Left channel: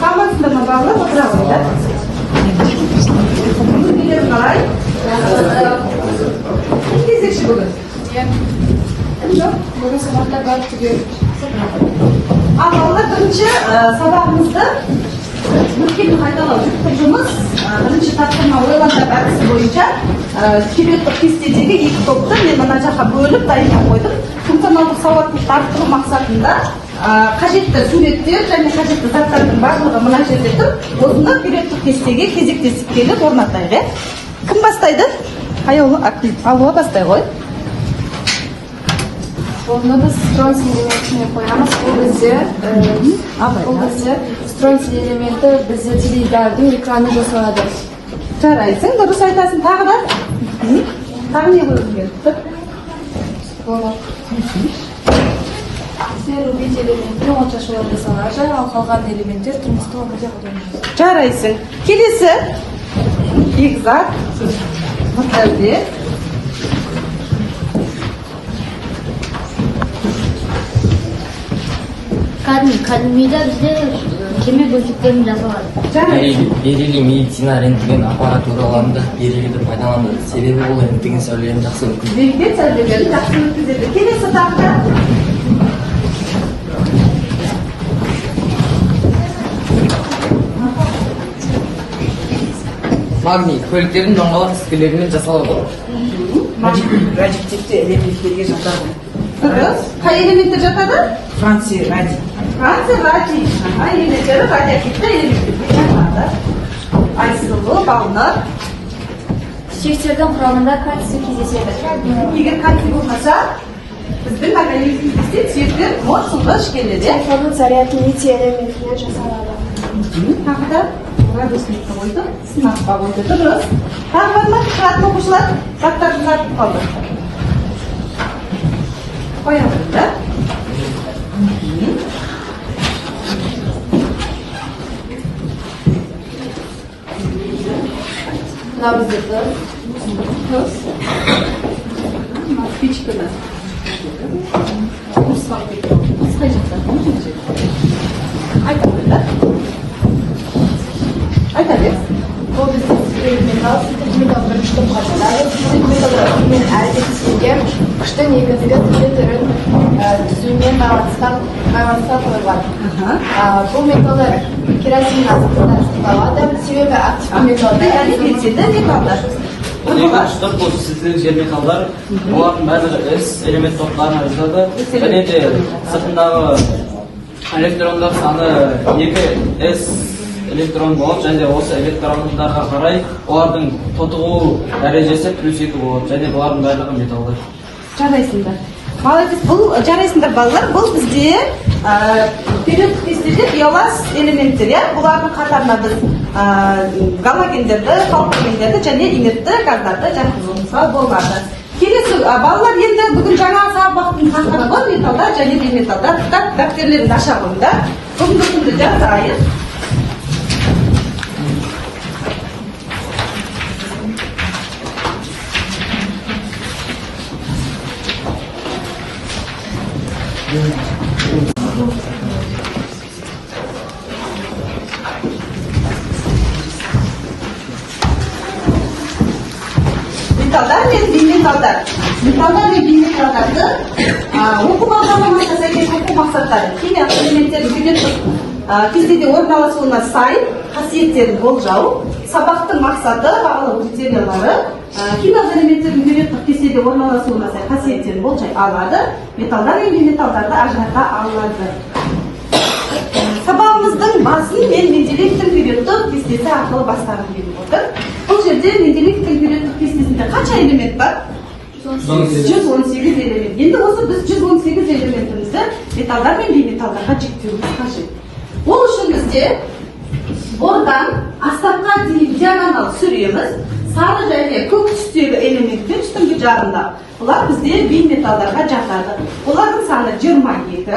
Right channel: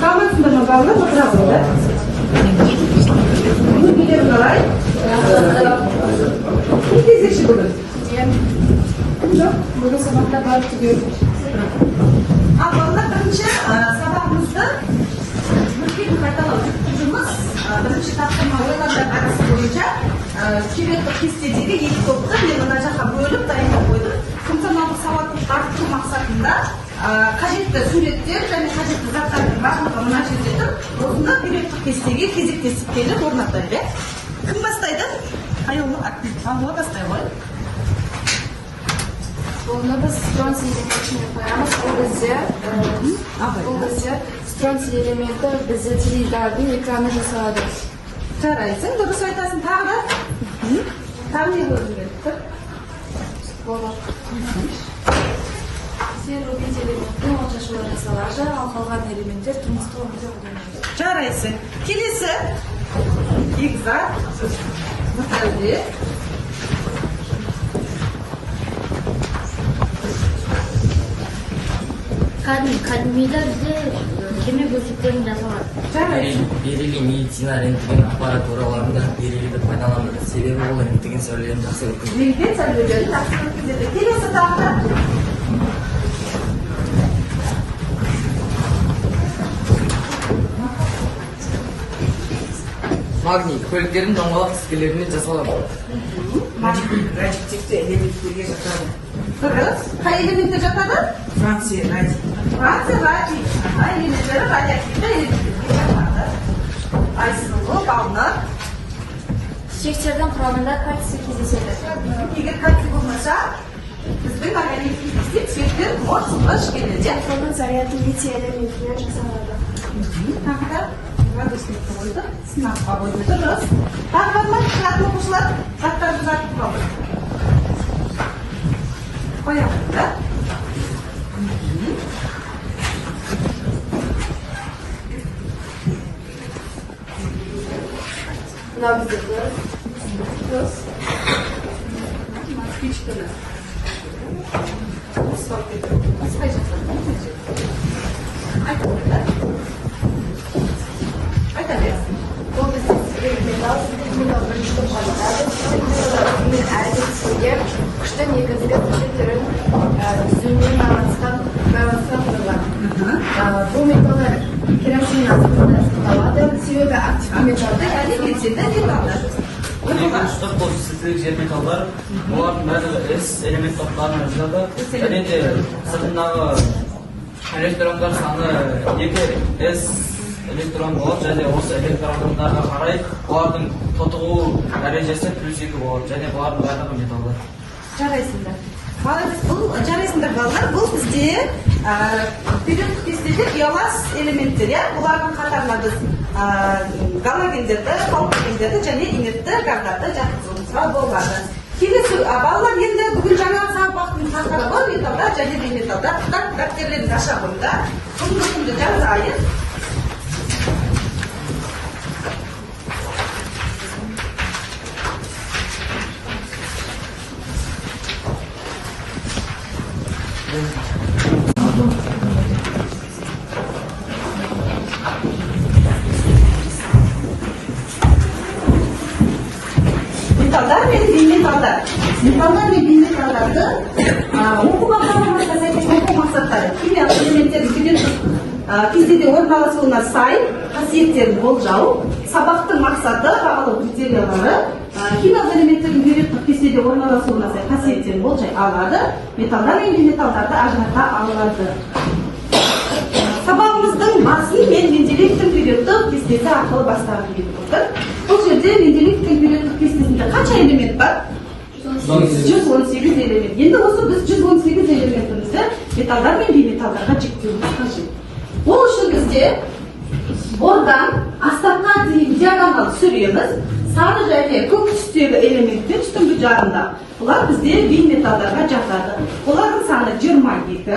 Tamamsınlar mı bağlı? Oturalım da. Bunu biliyorum kalay. Ne diyeceksin bugün? Yok. Bugün sabahta var gidiyoruz. Valla birinchi sabahımızda mulkni qaytaroqlik qurishimiz birinchi taqdirma o'ylangan aksi bo'yicha skeletik festivalga ikki to'pda men mana jaqa bo'lib tayyorlab qo'ydim. Funksionallik savodlikni arttirish maqsadida qajatli suratlar және qajatli zartlarning barlig'ini murojaat etib, o'zimni skeletik festivalga kezik-kezik kelib o'rnataylik. Kim boshlaydi? Ayolni aktiv. Allo boshlay qo'y. Bunu biz stronsiy elementini koyamiz. Bu bizce stronsiy elementi bize televizorning ekranini jasaladi. Jaraysin, durust aytasan tag'da. Tag'ni o'zingga. Bunu serubit elementini o'chashuvga jasaladi. Qolgan elementlar turmushda o'rnaga qo'yiladi. Jaraysin. Kelesi. Egzakt. Mutalli. Kadmiyda bizde keme bölgelerini jasaladi. Belirli meditsina rентген аппаратураларында белгілі пайдаланылады. Себебі ол рентген сәулелерін жақсы өткізеді. Rentgen sәулелерін жақсы өткізеді. Келесі тақта. Магний көліктердің доңғалақ тіскелерімен жасалады. Радиоактивті элементтерге жатады. Дұрыс. Қай элементтер жатады? Франция радий. Франция радий. Элементтері радиоактивті элементтерге жатады. Айсылу, балнар. Çiçeklerden kuramında kalsiyum кездеседі. Егер кальций болмаса, біздің организмімізде сүйектер мол сулғыш келеді. Onun заряды литий элементінен жасалады. Тағы да градусникті қойды, сынаққа қойды. Дұрыс. Тағы бар ма? Шығатын оқушылар заттарды ұзартып қалды. Қоямыз да. Nabızlıklı. Tuz. Küçükler. Mutfak bekliyoruz. Sıcaklar. Aytabiler. Aytabiler. Bu bizim metal, metal bir kışta kalırlar. Metal elde kesilgen kışta negatiga türün tüzüğüne bağlantısından kalırlar. Bu metallar keratin azıcıklar kalады. Sebebi aktif metalda. Yani geçirde metallar. Штаб бұл сіздік жер металдар, олардың барлығы S элемент топтарына жатады. Және де сыртындағы электрондар саны 2S электрон болады, және осы электрондарға қарай олардың тотығу дәрежесі +2 болады. Және бұлардың барлығы металдар. Жарайсыңдар. Молодец, бұл жарайсыңдар балалар. Бұл бізде периодтық кестеде биолаз элементтер, бұлардың қатарына біз галогендерді, халкогендерді және инертті газдарды жатқызуымызға болады. Келесі балалар енді бүгін жаңа сабақтың тақырыбы металдар және бейметалдар. Дәптерлеріңді аша қойыңдар. Бүгінгі күнді жазайық. Metallar ve beymetallar. Metallar ve beymetallardı оқу бағдарламасына сәйкес оқу мақсаттары химиялық элементтердің периодтық кестеде орналасуына сай қасиеттерін болжау, сабақтың мақсаты, бағалау критериялары, химиялық элементтердің периодтық кестеде орналасуына сай қасиеттерін болжай алады, металдар мен бейметалдарды ажырата алады. Сабағымыздың басын мен Менделеевтің периодтық кестесі арқылы бастағым келіп отыр. Бұл жерде Менделеевтің периодтық кестесінде қанша элемент бар? 118 элемент. Енді осы біз 118 элементімізді металдар мен бейметалдарға жіктеуіміз қажет. Ол үшін бізде бордан астапқа дейін диагонал сүреміз. Сары және көк түстегі элементпен үстіңгі жағында. Бұлар бізде бейметалдарға жатады. Олардың саны 22.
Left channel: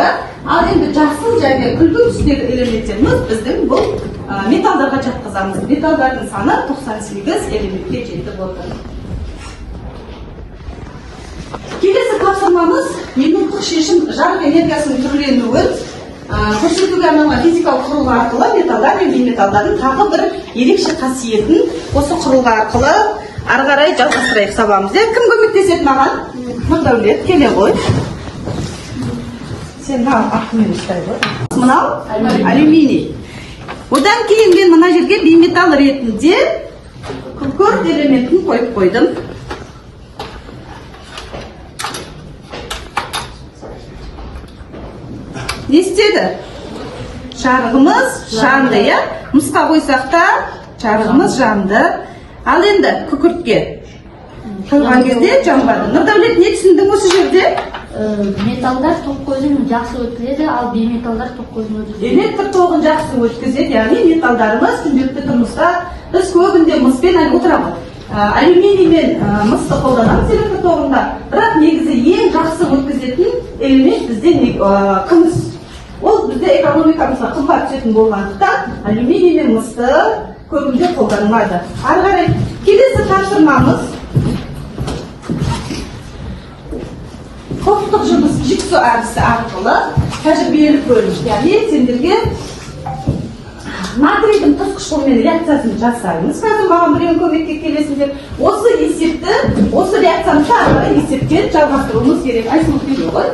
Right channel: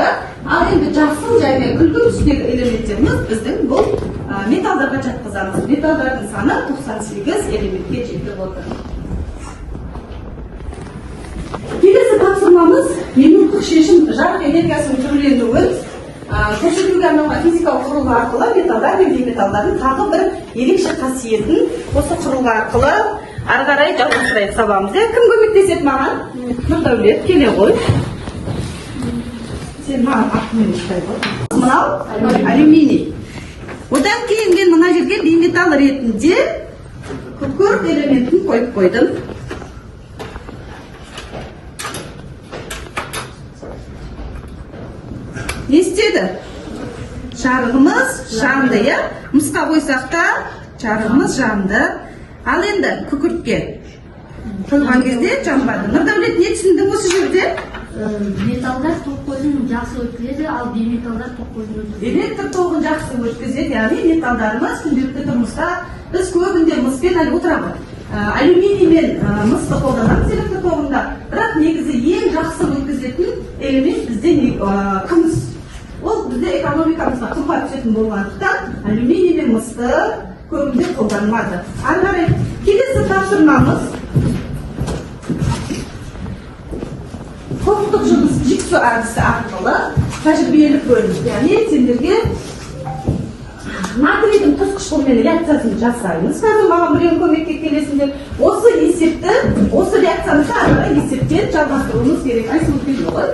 Ал енді жасыл және күлгін түстегі элементтеріміз біздің бұл металдарға жатқызамыз. Металдардың саны 98 элементке жетіп отыр. Келесі тапсырмамыз енуттық шешім жарық энергиясының түрленуін көрсетуге арналған физикалық құрылғы арқылы металдар мен бейметалдардың тағы бір ерекше қасиетін осы құрылғы арқылы ары қарай жалғастырайық сабағымызды. Кім көмектеседі маған? Нұрдәулет, келе ғой. Сен артымен ұстай ғой. Мынау алюминий. Одан кейін мен мына жерге бейметалл ретінде күкірт элементін қойып қойдым. Не істеді? Жарығымыз жанды, я? Мысқа қойсақ та жарығымыз жанды. Ал енді күкіртке қойған кезде жанбады. Нұрдәулет, не түсіндің осы жерде? Металдар тоқ көзін жақсы өткізеді, ал бейметалдар тоқ көзін өткізеді. Электр тоғын жақсы өткізеді, яғни металдарымыз күнделікті тұрмыста біз көбінде мыспен отырамыз. Алюминий мен мысты қолданамыз электр тоғында, бірақ негізі ең жақсы өткізетін элемент бізде күміс. Ол бізде экономикамызға қымбат түсетін болғандықтан алюминий мен мысты көбінде қолданылады. Ары қарай келесі тапсырмамыз топтық жұмыс жіксу әдісі арқылы тәжірибелік бөлім. Яғни сендерге натрийдің тұтқышымен реакциясын жасаймыз. Қазір маған біреуін көмекке келесіңдер. Осы есепті, осы реакцияны ары қарай есептен жалғастыруымыз керек. Айсұлу келе ғой.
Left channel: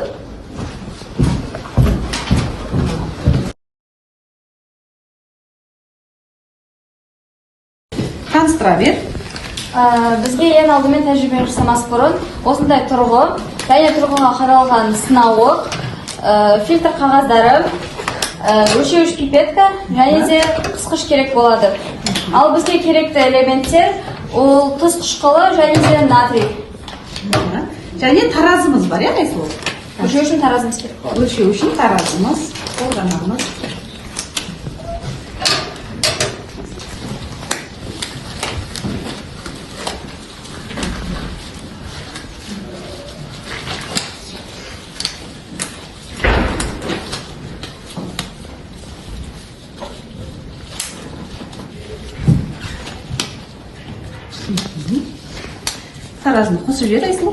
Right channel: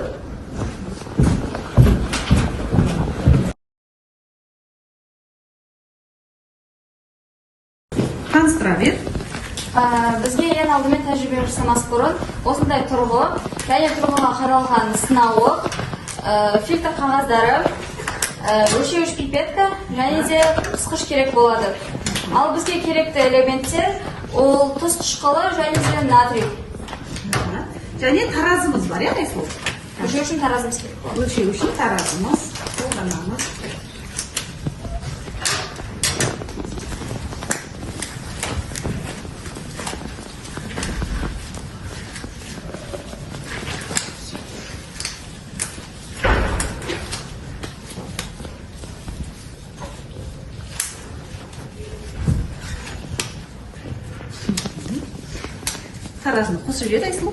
Таныстыра бер. Бізге ең алдымен тәжірибе жасамас бұрын осындай тұрғы және тұрғыға қаралған сынауық, фильтр қағаздары, өлшеуіш пипетка және де тұтқыш керек болады. Ал бізге керекті элементтер ол тұз қышқылы және де натрий. Және таразымыз бар, я Айсұлу? Өлшеу үшін таразымыз керек болады. Өлшеу үшін таразымыз қолданамыз. Таразыны қосып жібер, Айсұлу.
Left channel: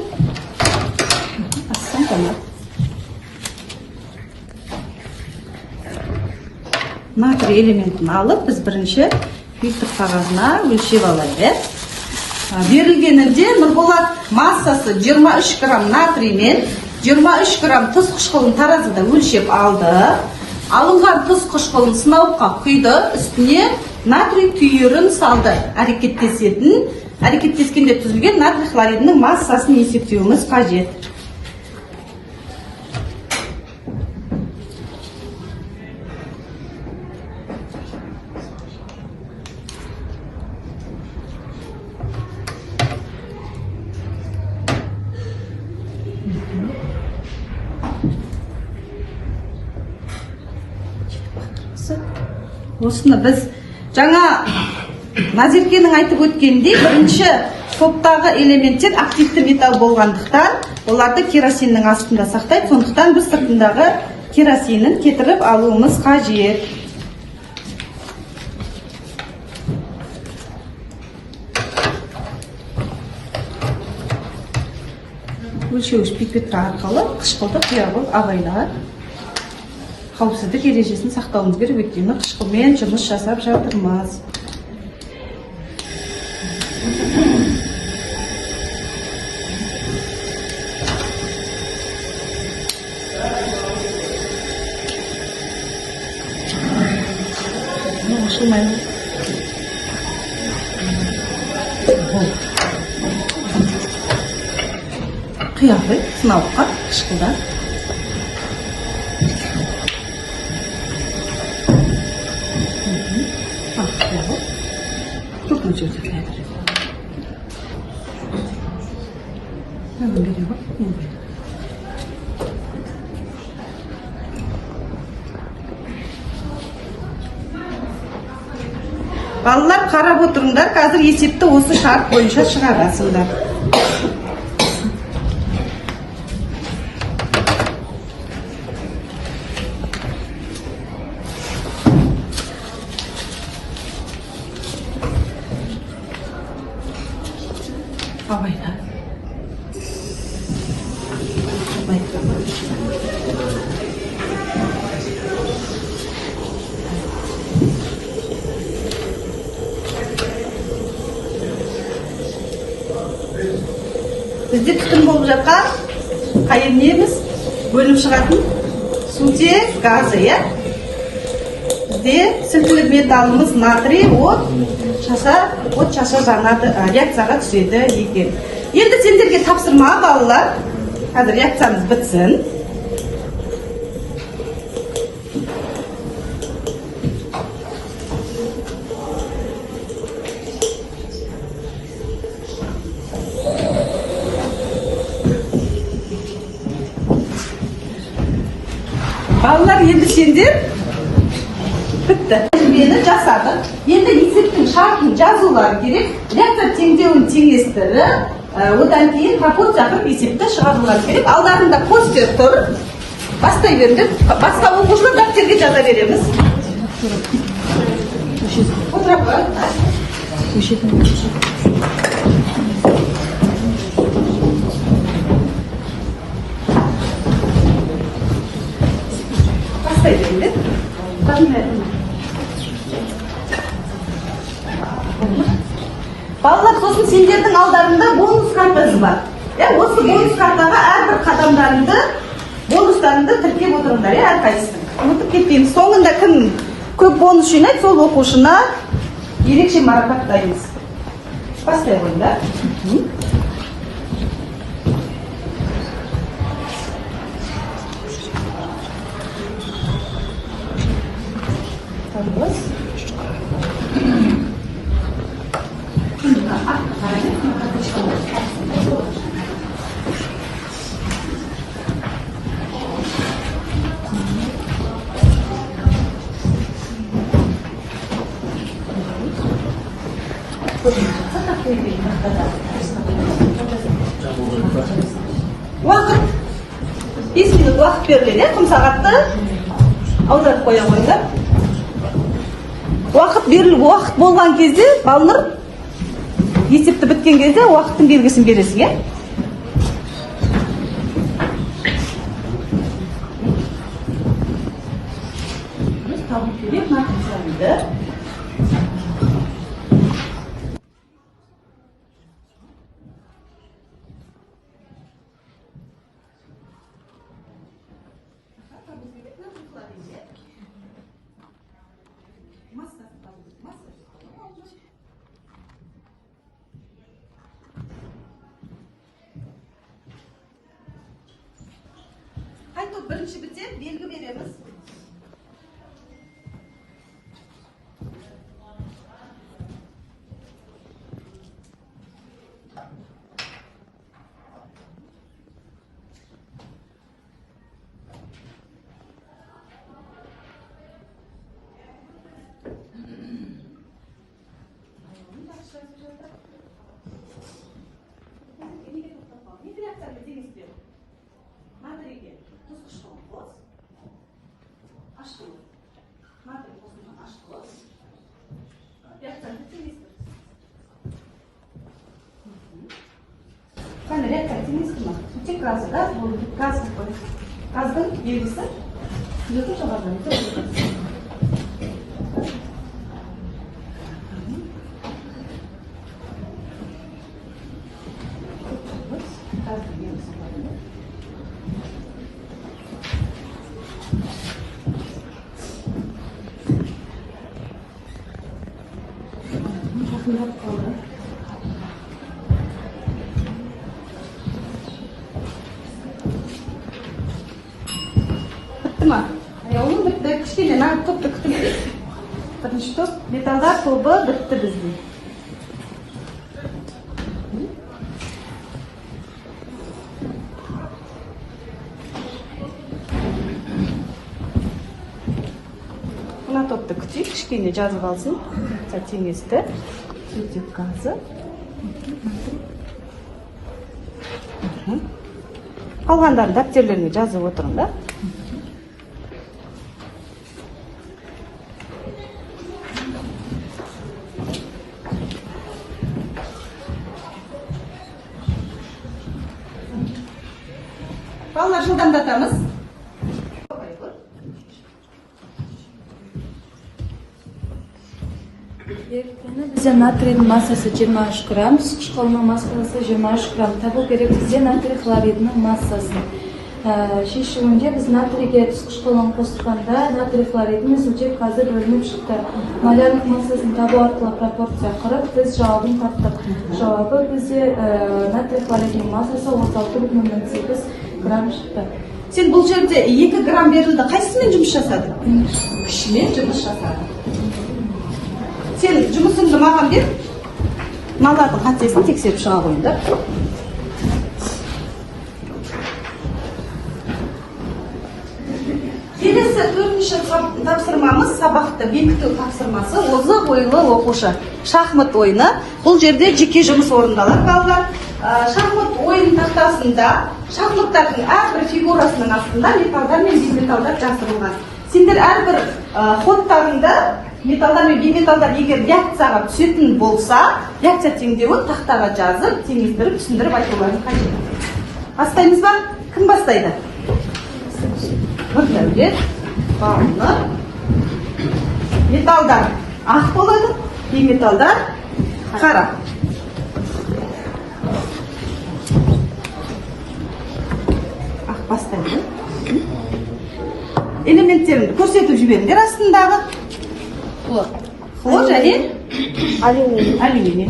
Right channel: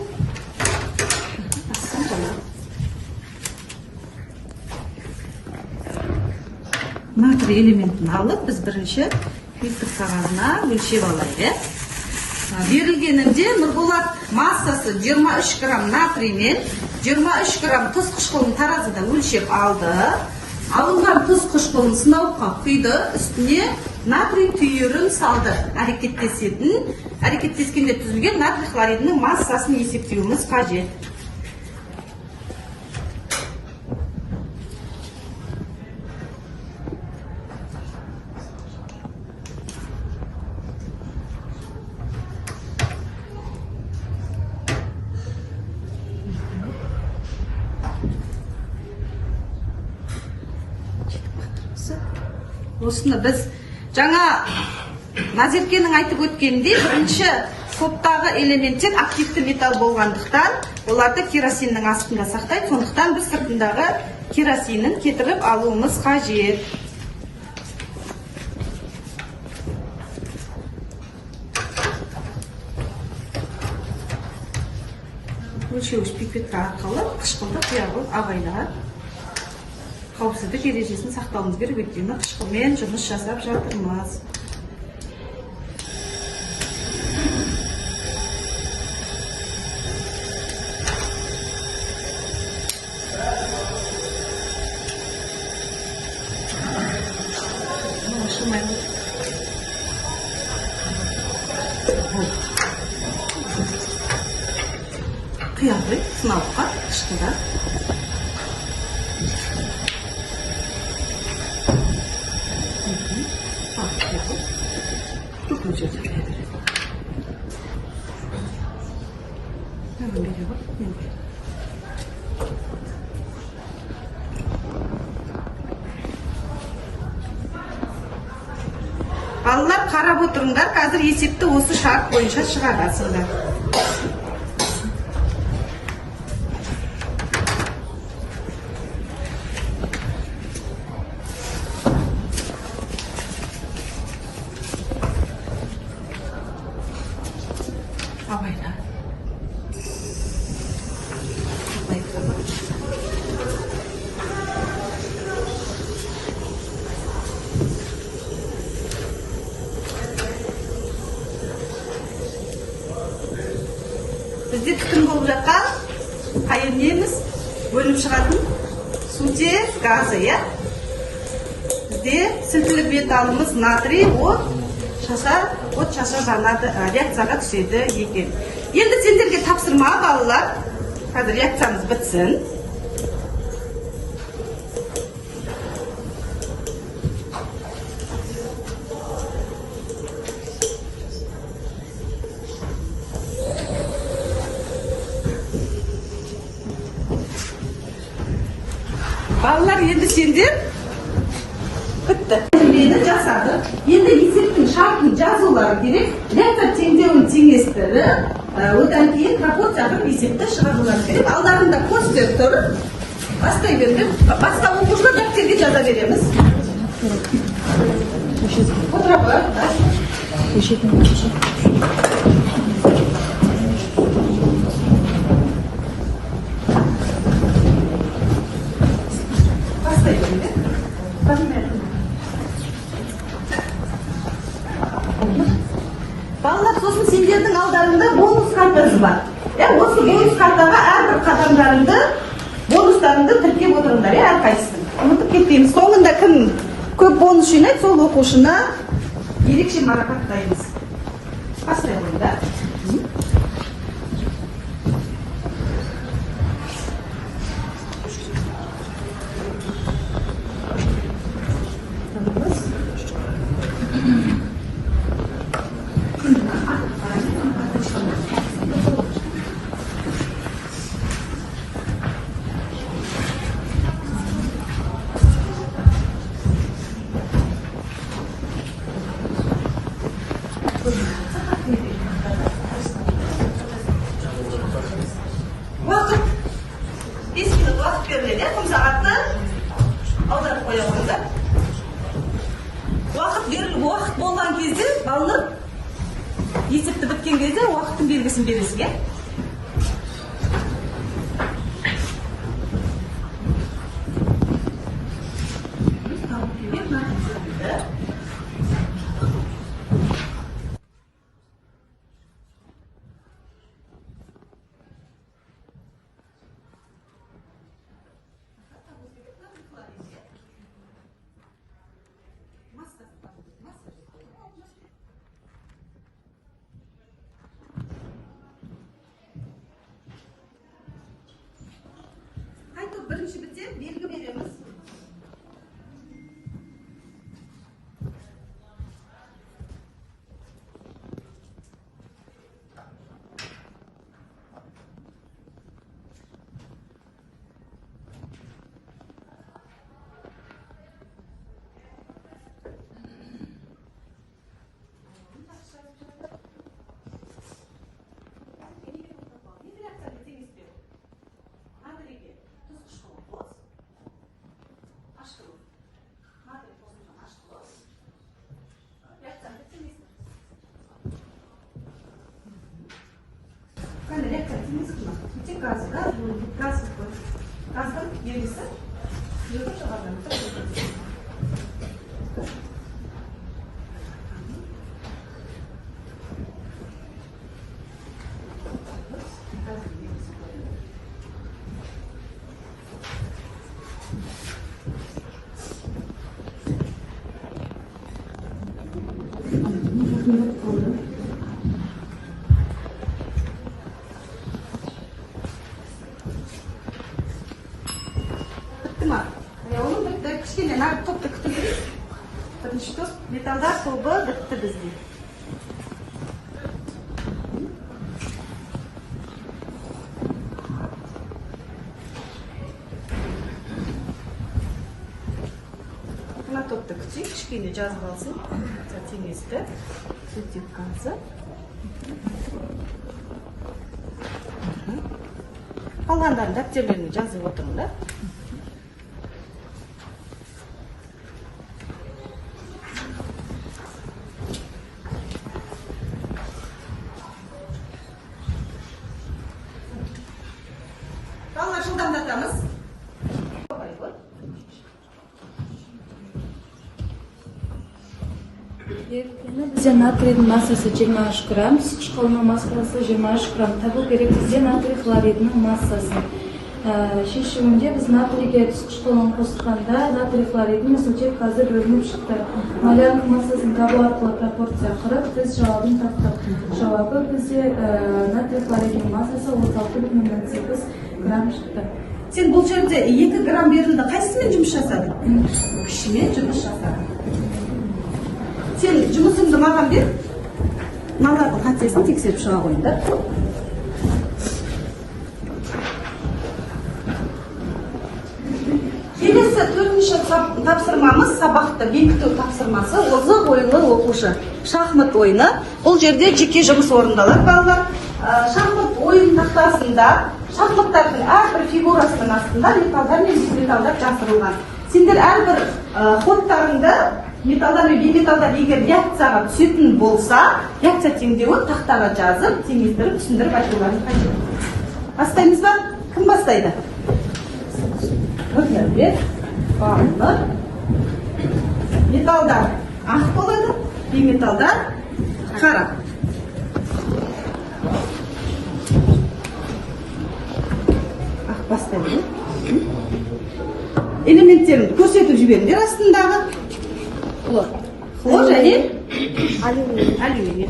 Ассам тамақ. Натрий элементін алып, біз бірінші фильтр қағазына өлшеп алайық. Берілгенінде Нұрболат массасы 23 грамм натрий мен 23 грамм тұз қышқылын таразыда өлшеп алды. Алынған тұз қышқылын сынауыққа құйды, үстіне натрий түйірін салды. Әрекеттескенде түзілген натрий хлоридінің массасын есептеуіміз қажет. Осыны біз жаңа Назеркенің айтып өткендей, бірінші топтағы элементтер активті металл болғандықтан, оларды керосиннің астында сақтайды, сондықтан біз сыртындағы керосинін кетіріп алуымыз қажет. Өлшеуіш пипетка арқылы қышқылды құя қойып абайлап қауіпсіздік ережесін сақтауымыз керек, өйткені қышқылмен жұмыс жасап жатырмыз. Ашылмайды. Құя ғой, сынауыққа қышқылдар. Çok mutlu ederim. Ne böyle bak, ne böyle. Балалар қарап отырыңдар, қазір есепті осы шарт бойынша шығарасыңдар. Абайда. Бізде түтін болып жатқан қайын неміз бөліп шығатын сутек газы, иә? Бізде сілтілік металымыз натрий от шаша жанады, реакцияға түседі екен. Енді сендерге тапсырма балалар, қазір реакциямыз бітсін. Балалар, енді сендер бітті. Тәжірибені жасадық. Енді есептің шартын жазулары керек. Реактор теңдеуін теңестіріп, одан кейін пропорция қылып есепті шығарулары керек. Алдарында постер тұр. Бастай берді. Басқа оқушылар дәптерге жаза береміз. Бастай берді. Балалар, сосын сендердің алдарында бонус картасы бар. Осы бонус картаға әрбір қадамдарыңды, бонустарыңды тіркеп отырыңдар, әрқайсысын. Ұмытып кетпейміз. Соңында кім көп бонус жинайды, сол оқушыны ерекше марапаттаймыз. Бастай қойыңдар. Уақыт 5 минут уақыт беріледі, құм сағатты аударып қоя қойыңдар. Уақыт болған кезде, балалар есепті біткен кезде уақыттың белгісін бересің, е? Қайтып бірінші бітсе, белгі береміз. Қане, реактор теңесіп ма? Сутек газы, да? Бұл газ қой. Газдың белгісі жүріп шығардан Оның бітті, кішкене нағып топты күтім керек. Бірінші топ металдар тобы бітті бізде. Мына топты күтейік, кішкене жазып алсын. Теңесті, сутек газы. Қалғандарын дәптерлеріне жазып отырыңдар. Балалар, жылдамдатамыз. Bizde natriyдің массасы 23 грамм, шқалма массасы 23 грамм. Табу керек бізде натрий хлоридінің массасы. Шешуінде біз натрийге қышқылын қосқанда натрий хлоридінің сутек қазір бөлініп шықты. Малярлық массасын табу арқылы пропорция құрып, біз жауабын таптық. Жауабы бізде натрий хлоридінің массасы 36,8 грамм шықты. Сен бұл жерде 2 грамм берілді, қайсымен жұмыс жасады? Кішімен жұмыс жасады. Сен жұмысыңды маған бер, мыналардың қатесін тексеріп шыға қойды. Келесі төртінші тапсырмамыз сабақты бекіту тапсырмасы. Озық ойлы оқушы. Шахмат ойыны. Бұл жерде жеке жұмыс орындалады, балалар. Шахмат ойын тақтасында шахматтардың әрбір фигурасының астында металдар мен бейметалдар жасырылған. Сендер әрбір ходтарында металдар мен бейметалдар егер реакцияға түсетін болса, реакция теңдеуін тақтаға жазып, теңестіріп, түсіндіріп айтуларын қажет. Бастаймыз ба? Кім бастайды? Нұрдәулет, Балнұр. Металдар ақ болады, бейметалдар қара. Ақ бастайды. Элементтерімді көрсетіп жіберіңдер астындағы. Хлор және алюминий.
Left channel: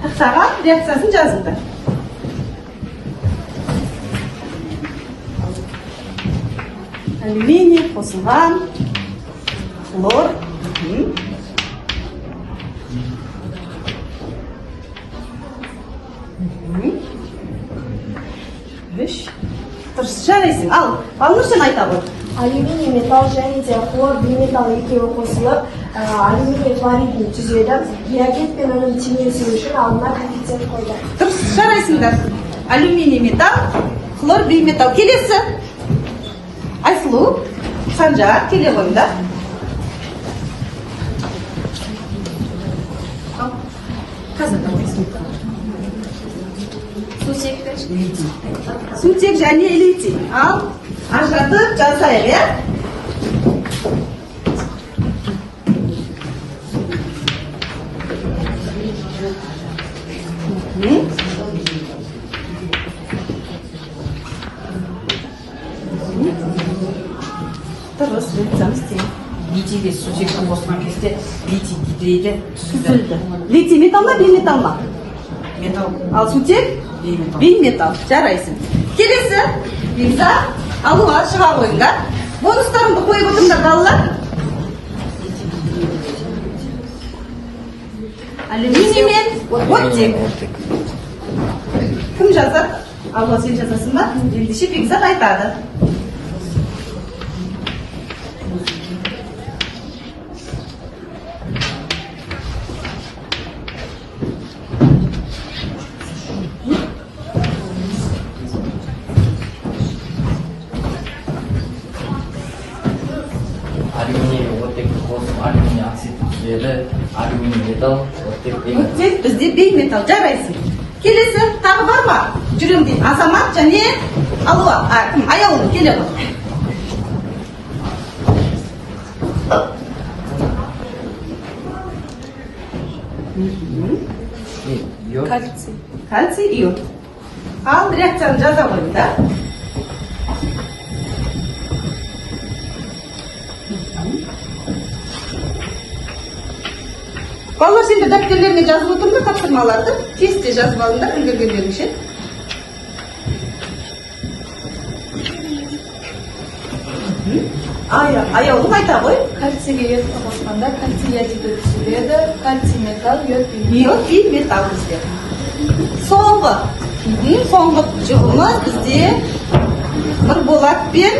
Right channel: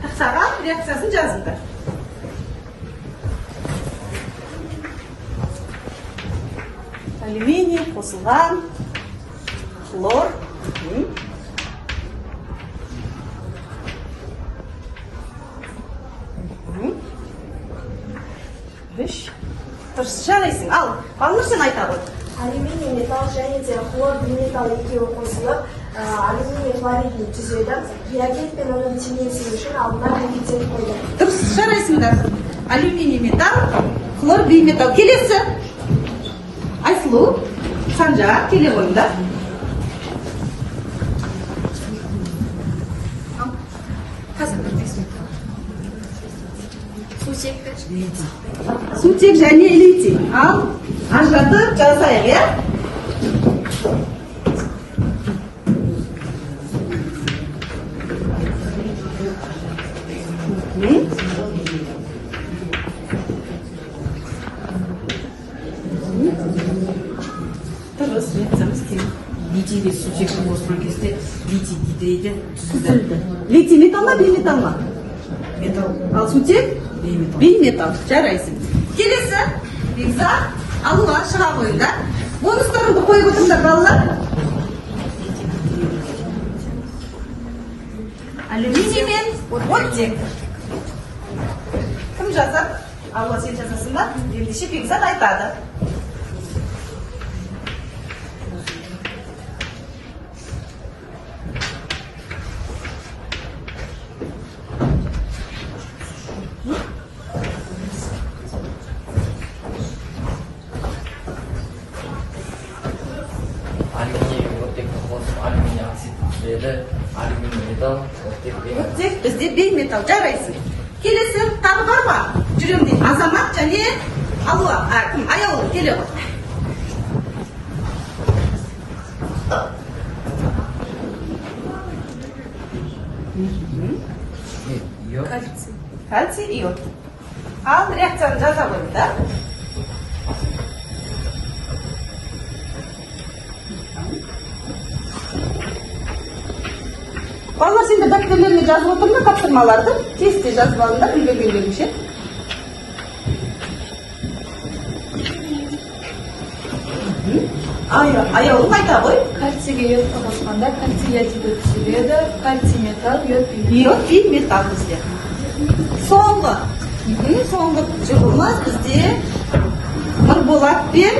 Тақтаға реакциясын жазыңдар. Алюминий қосылған, хлор. Дұрыс, жарайсың. Ал, Балнұр сен айта ғой. Алюминий металл және де хлор бейметалл екеуі қосылып, алюминий хлоридін түзеді. Реагент пен оның теңесуі үшін алдына коэффициент қойды. Дұрыс, жарайсыңдар. Алюминий металл, хлор бейметалл. Келесі. Айсұлу, Санжа, келе қойыңдар. Сутек және литий. Ал, ажыратып жазайық, иә? Дұрыс, жазамыз кейін. Литийге сутекті қосқан кезде литий гидрейді түзілді. Литий металл ма, бейметалл ма? Металл. Ал сутек? Бейметалл. Бейметалл. Жарайсың. Келесі, Бекза, алуға шыға қойыңдар. Бонустарыңды қойып отырыңдар, балалар. Алюминий мен оттек. Кім жазады? Алуға сен жазасың ба? Ендеше Бекзат айтады. Алюминий оттекті қосып, алюминий оксид түзеді, алюминий металл, оттек бейметалл. Оттек бізде бейметалл, жарайсың. Келесі, тағы бар ма? Жүрем дейін, Азамат және Алуа, аяулы, келе ғой. Кальций. Кальций, иод. Ал реакцияны жаза қойыңдар. Балалар, сендер дәптерлеріне жазып отырыңдар тапсырмаларды. Тестте жазып алыңдар, білдіргендерінше. Аяулым айта ғой. Кальцийге йодты қосқанда кальций ядиді түзіледі, кальций металл, йод бейметалл. Йод бейметалл бізде. Соңғы жұбымыз бізде Нұрболат пен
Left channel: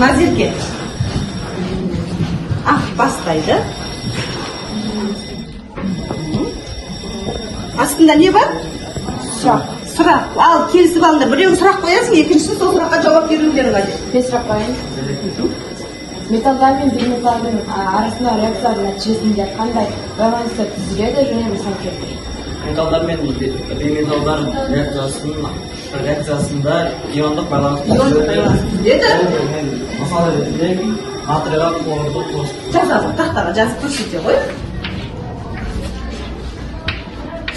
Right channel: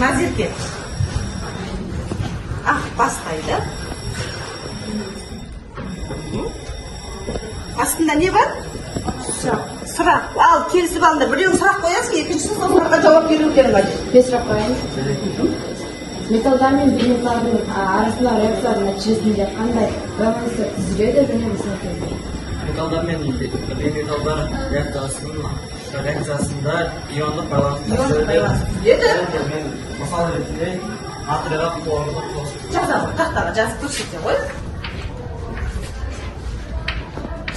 Назерке. Бастайды. Астында не бар? Сұрақ. Ал, келісіп алыңдар. Біреуін сұрақ қоясың, екіншісін сол сұраққа жауап берулерің қажет. Мен сұрақ қояйын. Металдар мен бейметалдың арасында реакциялардың нәтижесінде қандай байланыстар түзіледі және мысал келтіріңіз. металдар мен бейметалдар реакциясында иондық байланыс Иондық байланыс түзіледі. мен мысалы ретінде натрийға хлорды қосып Жазады, тақтаға жазып көрсете ғой.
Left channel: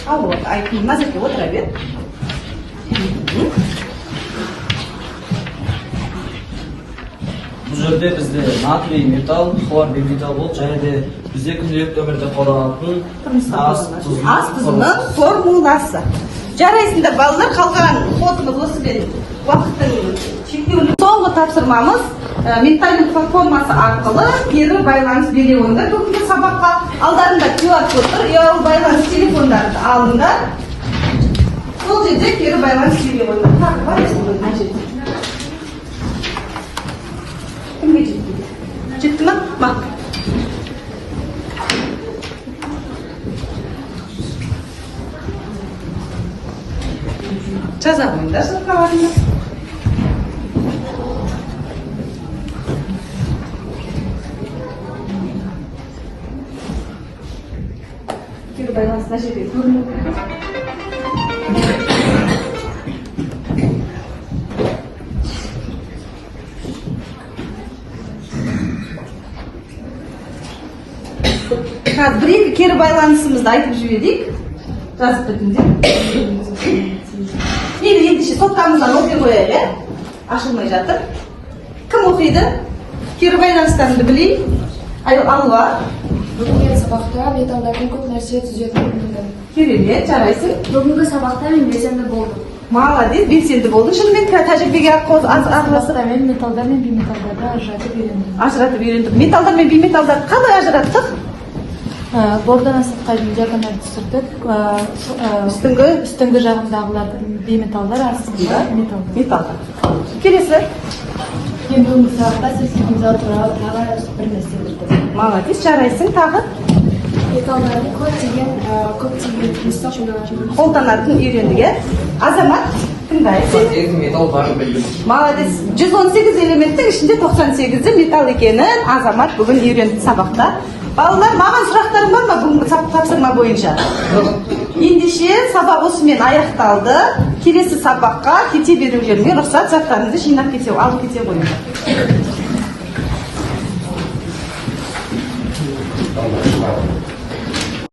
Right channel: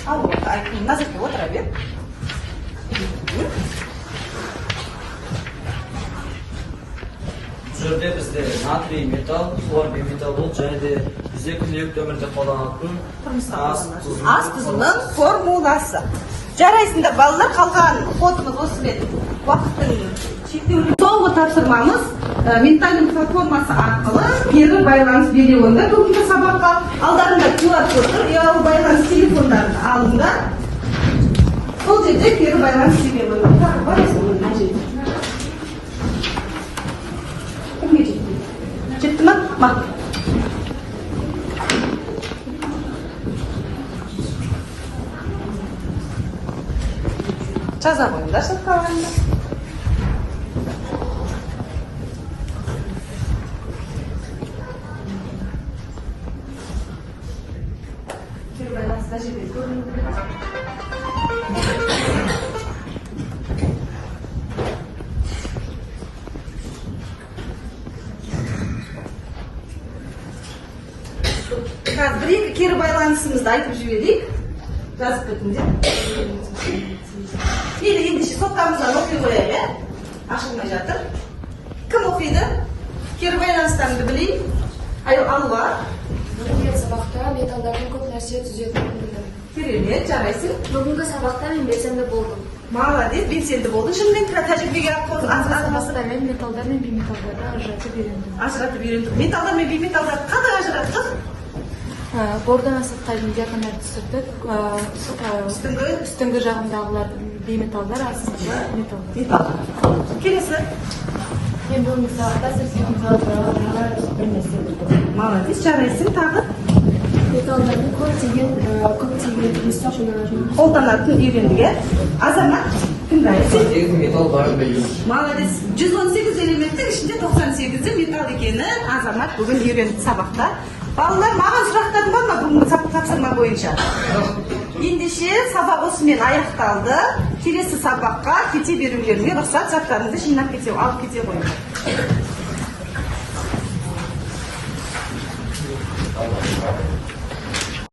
Ал вот, айтын назарке отыра бер. бұл жерде бізде натрий металл, хлор бейметалл болып, және де бізде күнделікті өмірде қолданатын Ас тұзының формуласы. Жарайсыңдар балалар, қалған қосымыз осымен уақыттың шектеулі. Соңғы тапсырмамыз ментальдың формасы арқылы кері байланыс бере онда бүгінгі сабаққа алдарында QR код тұр, ұялы байланыс телефондарын алыңдар. Сол жерде кері байланыс бере онда. Тағы бар есіңіз әжет. Кімге жетті? Жетті ма? Мақ. Жаза қойыңдар сыртқаларында. Кері байланыс мына жерде көрінуі керек. Бір-екі кері байланысымызды айтып жіберейік. Жазып бітіңдер. Мейлі ендеше топтамыздан оқи қояйық, ашылмай жатыр. Кім оқиды? Кері байланыстарыңды білейік. Алуа. Бүгінгі сабақта металдардан көп нәрсе түзетінін білдім. Керемет, жарайсың. Бүгінгі сабақта мен белсенді болдым. Молодец, белсенді болдың. Шынымен тәжірибеге Сабақта мен металдар мен бейметалдарды ажыратып үйрендім. ажыратып үйрендік. Металдар мен бейметалдарды қалай ажыраттық? Бордан асатқайдың диагональ түсірдік. Үстіңгі жағындағылардың бейметалдар, астыңғы металдар. Металл. Келесі. Мен бүгінгі сабақта сертификат туралы тағы бір нәрсе білдім. Молодец, жарайсың. Тағы Металдардың көптеген қолданатын үйрендік. Азамат, тыңдайсың. металл барын білдім. Молодец. 118 элементтің ішінде 98-і металл екенін Азамат бүгін үйренді сабақта. Балалар, маған сұрақтарың бар ма бүгінгі тапсырма бойынша? Ендеше сабақ осымен аяқталды. Келесі сабаққа кете берулеріңе рұқсат, заттарыңды жинап кете, алып кете қойыңдар.